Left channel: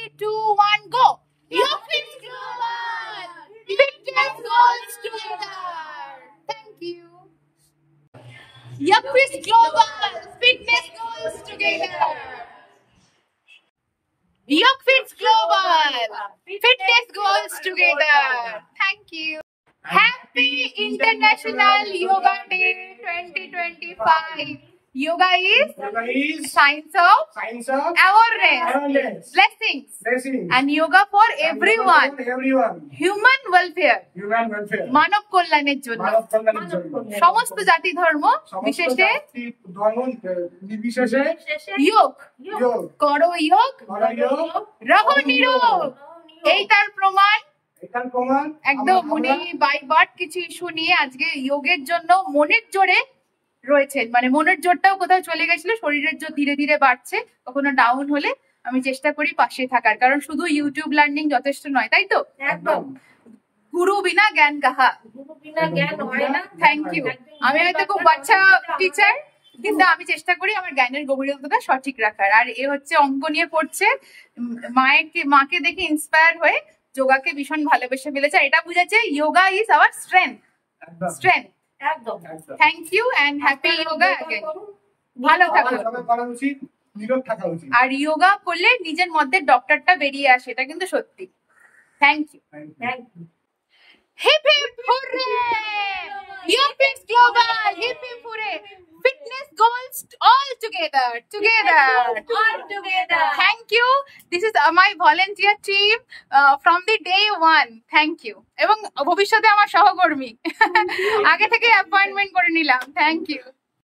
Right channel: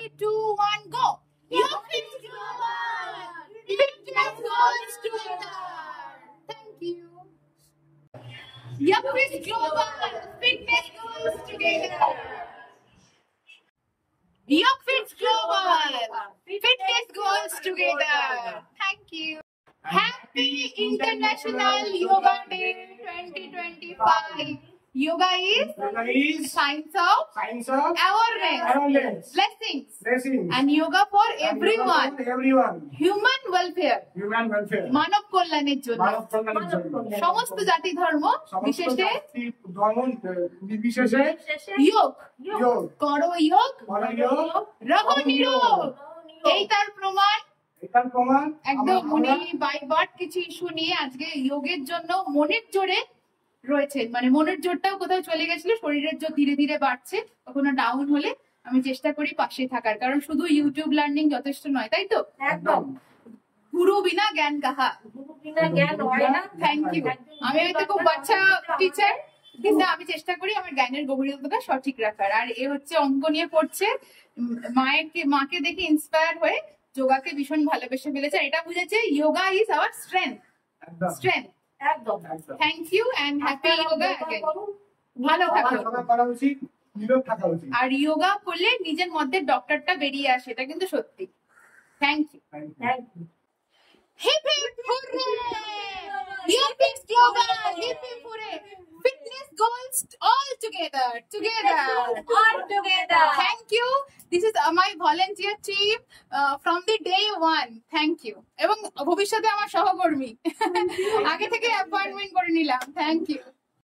3, 2, 1, go! YogFit Global! Fitness goals together! Thank you. YogFit Global! Fitness goals together! YogFit Global! Fitness goals together! Thank you. Happy International Yoga Day 2025. Yoga is science of awareness, blessings, and yoga for everyone. Human welfare. মানব কল্যাণের জন্য সমস্ত জাতি ধর্ম বিশেষে যোগ করো যোগ রহো নিরোগ। এই তার প্রমাণ একদম উনি বাই বার্থ কিছু ইস্যু নিয়ে আজকে যোগের জন্য মনের জোরে রয়েছেন। মানে মনের জোরটাও কোথাও চলে গেছিল, শরীরের জোর ধীরে ধীরে বাড়ছে। কখনো ডাউন হলে আমি চেষ্টা করি পাশে থাকার, কারণ শুধু ইউটিউব লার্নিং যথেষ্ট নয়, তাই তো? একদম। গুরু বিনা জ্ঞান কাহা। Thank you. আমি হয়তো খুব বাচ্চা টিচার, কিন্তু আমি চেষ্টা করি আমার জ্ঞানের গভীরতাটা সঠিক রাখার। আর এ হচ্ছে অঙ্ক নিয়ে পড়ছে, মাকে দেখে ইন্সপায়ার হয়ে যোগাকে ভীষণ ভালোবেসে ফেলেছে। এটা বুঝেছে যোগা ইজ আওয়ার স্ট্রেংথ। একদম। Thank you and happy yoga. ভালো থাকো, আর যোগা করলে নিজের মধ্যে ডক্টরটা বেরিয়ে আসে, এটা কিন্তু সত্যি। Thank you. Hip hip hurray! YogFit Global! Hip hip hooray! Fitness goals all together. Thank you. This is my volunteer team from the day one. Thank you. এবং ভবিষ্যতে আমার সহকর্মী আগে থেকে অ্যাপয়েন্টমেন্ট করে নিলাম। Thank you.